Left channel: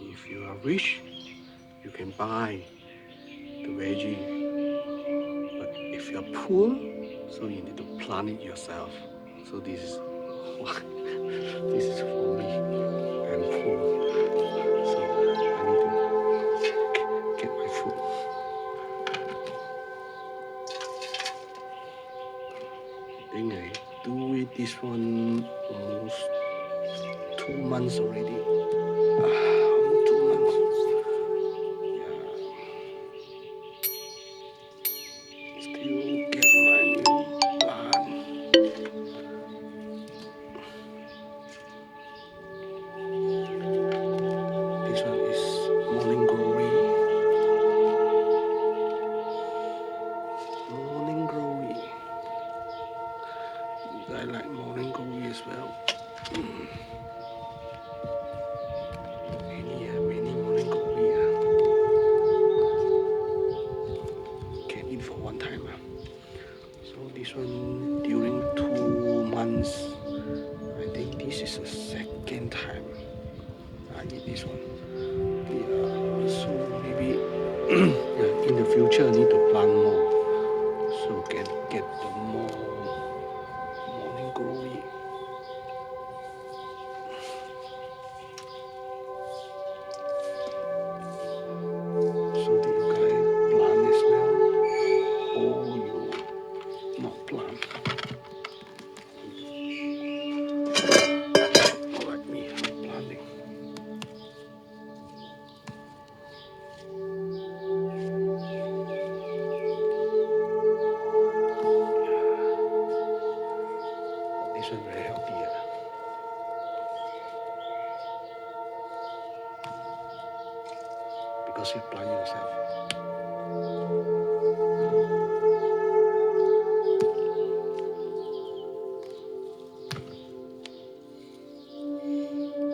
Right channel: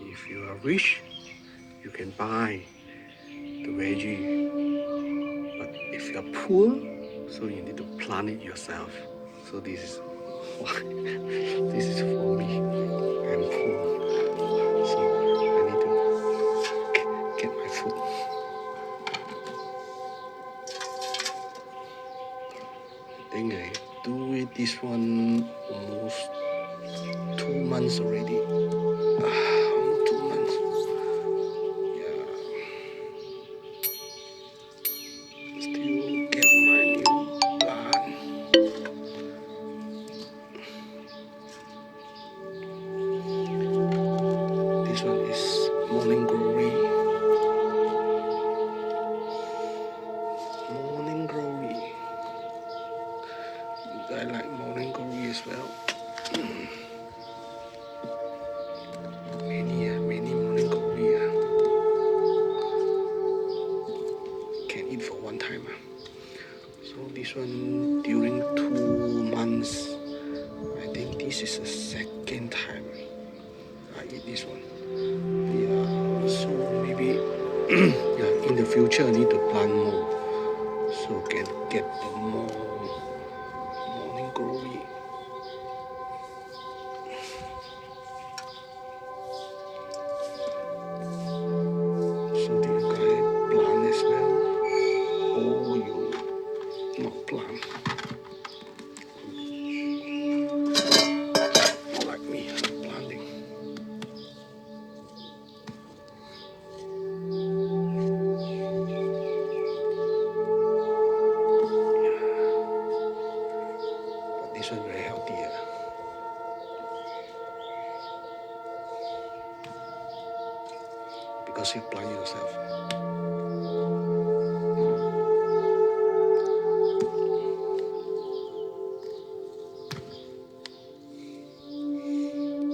If you are rich, you can buy the veggie. But if you are poor, so you need to plant it yourself. So this is why this is for me. I'm poor, so I need to get my food. I think I do it this one almost 2 months already. Almost 2 months. Yeah. Still get my new plant. This one is morning glory. Morning glory. I like morning glory as well. Many morning glory. Can eat for one time. So this one during 2 months. I think this is the second time I eat this one. Yeah, so maybe yeah, in the future I need to plant more, so can get the more morning glory. So do you guys plant as well, or you not plant? Like me, not planting. This one very healthy. Because you plant yourself.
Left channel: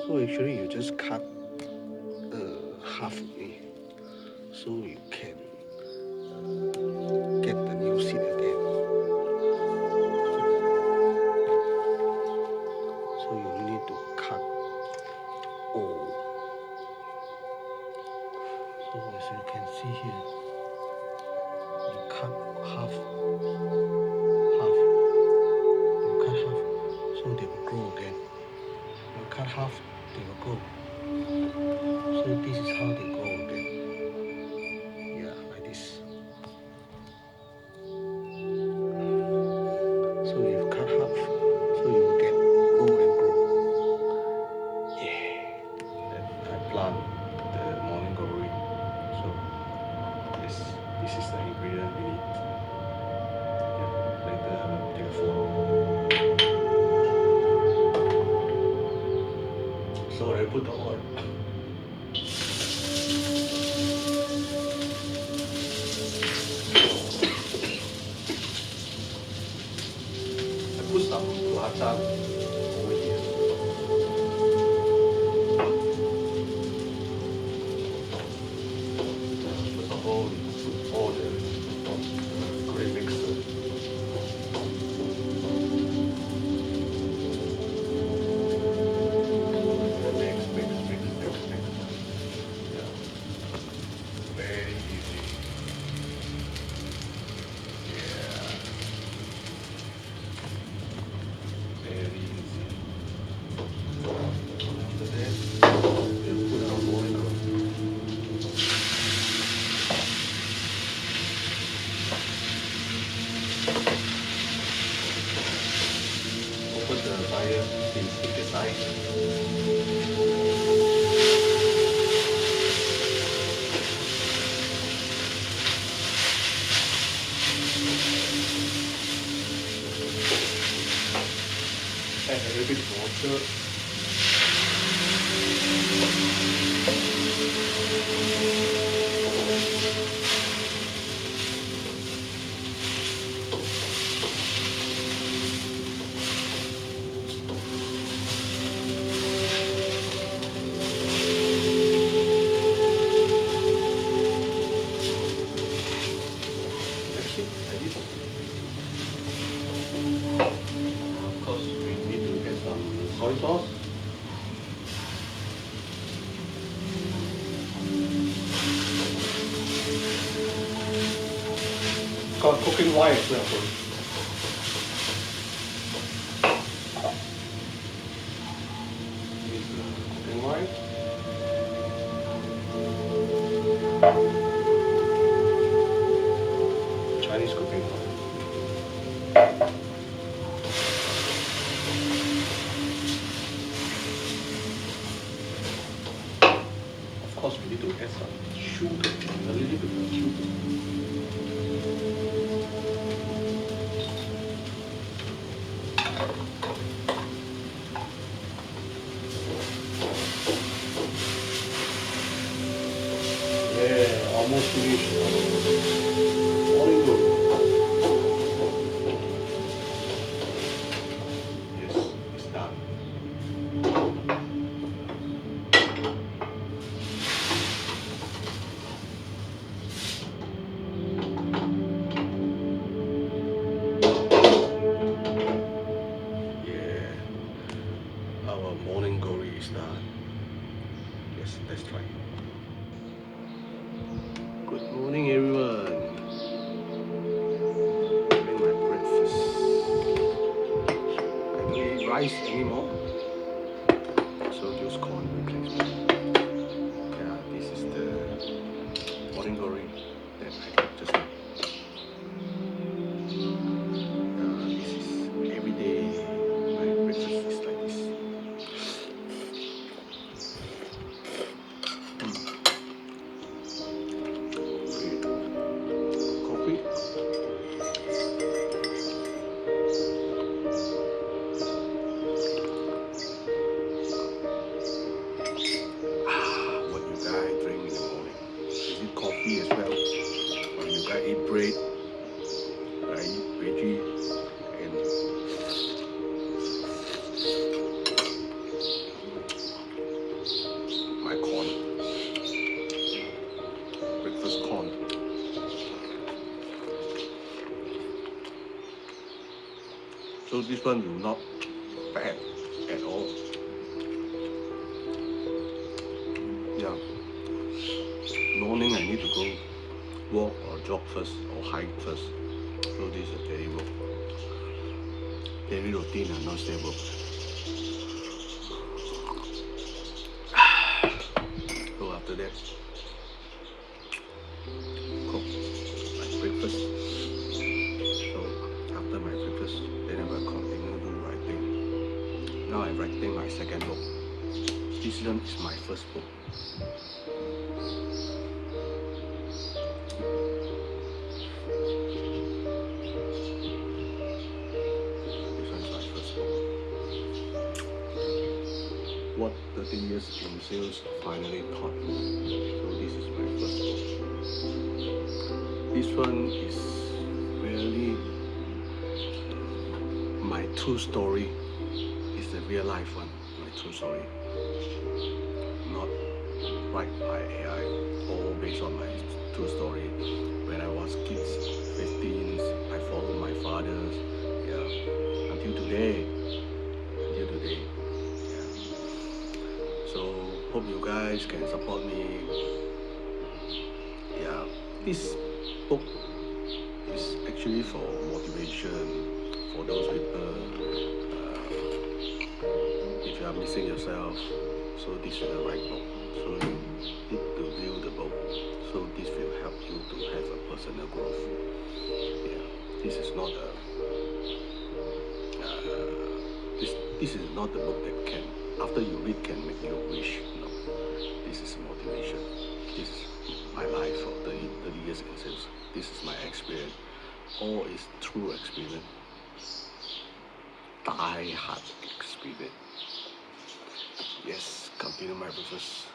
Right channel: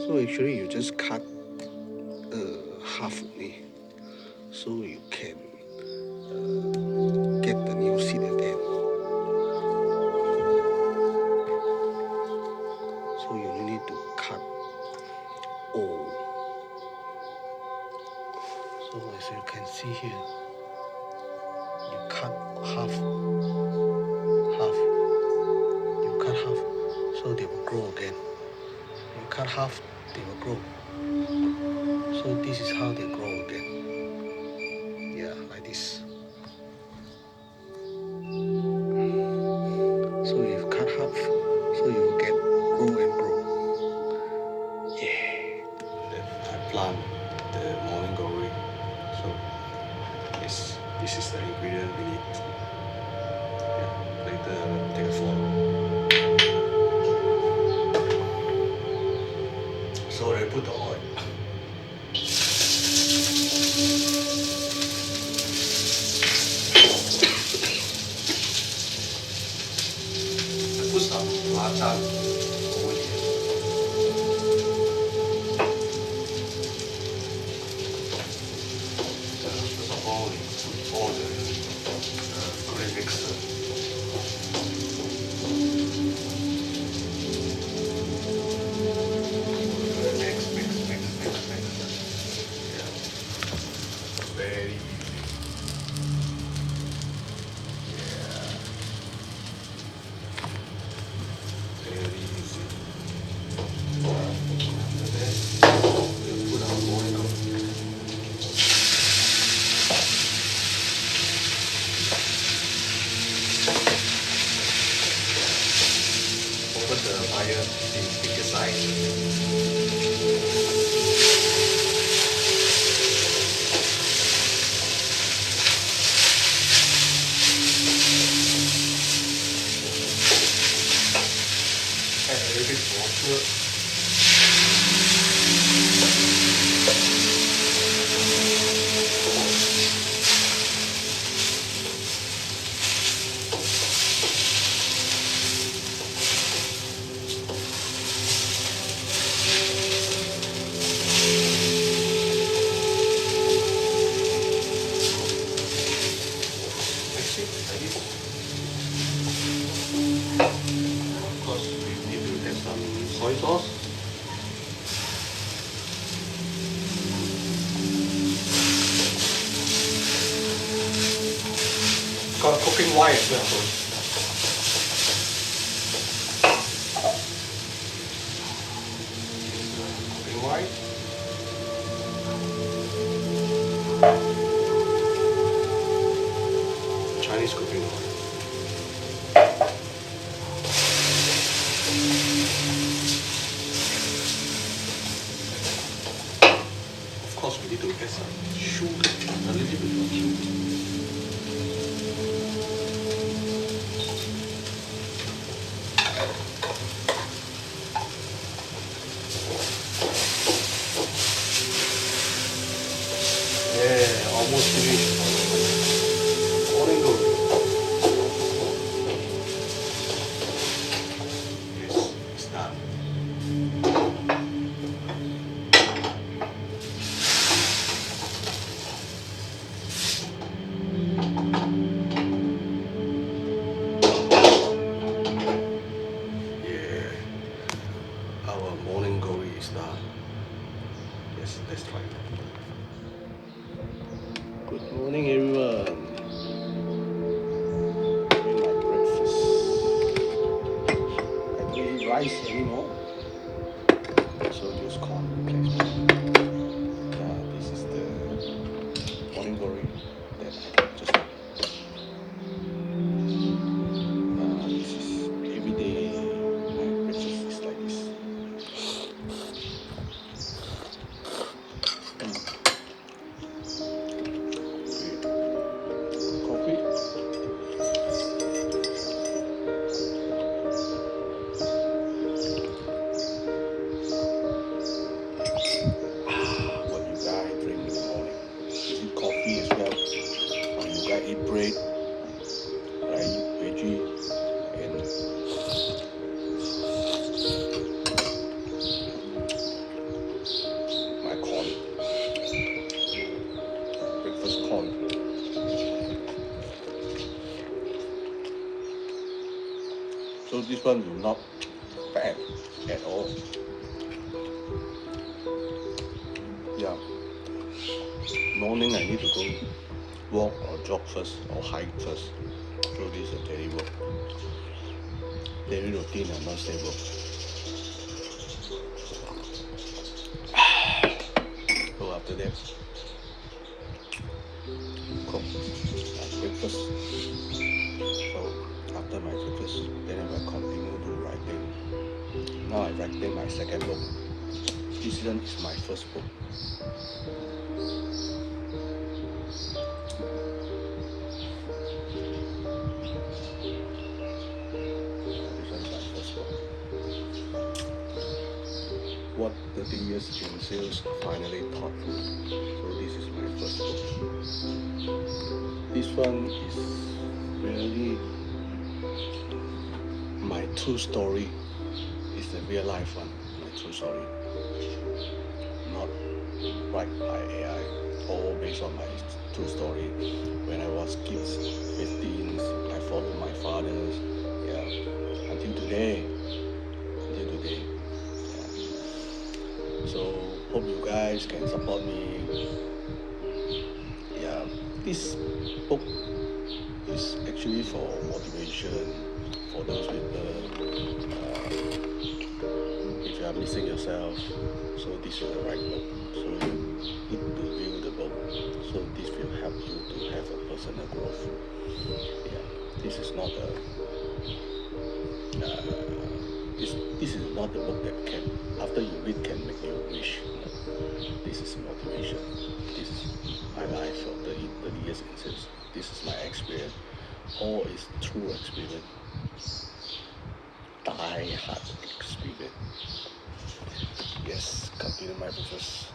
So actually you just cut half only, so you can get the new seed again. So you need to cut all. So as you can see here, you cut half, you cut half, so they will grow again. You cut half, they will grow. So this is how they grow again. Yeah, like this. So you cut half, so you will get grow and grow. Yeah. I plant the morning glory. So this is the ingredient we need. Yeah, later I will take a photo. So I put the oil. I put some latan over here. First of all, we put all the grain mixer. Very easy. Very easy. After that, we'll put our morning glory. Open the fire, the bigger size. Add a little bit water. got cooking wine as well. Cooking wine. Chinese cooking wine. Of course, we need to add some sugar, a little bit of sugar. Yeah, almost finished. Morning glory. Yes, it's done. Yeah, our morning glory is done. Yes, let's try it. Good morning, everyone. Having my breakfast. I don't eat rice anymore, so use corn replacement. Yeah, this is the morning glory that I did just now. This is every day. My breakfast is like this. Coffee. What you guys drink in the morning? Is it coffee as well? Or you guys eat bread? I eat veggie and my corn. Breakfast corn. So this one will not bad at all. Yeah. Morning I need to go walk or jog first or hike first. So this is a daily work. Daily routine and not stable. So after that, cook my breakfast. So after my breakfast, then I will continue to writing. Now I'm writing my second book. This one is my first book. This one is my first book. What 30 years in sales finally taught me. So this is my first book. This one is really my true story. It's the real life one, my true story. Not write by AI, all based on my true story. When I was kids, 15, I followed my father's, yeah, until today. Yeah. So hope you guys can support me. Yeah, this book is actually for motivation for those people. If you are missing yourself, so this is the right book. So you need to review the book. So this will help you to have a personal growth. Yeah, this is not a this is not the book that can after you read can make you wish. No, this is motivation. This is my life for 30 years in sales. This is my experience. All is true experience. Die hard experience. Yes, continue my business.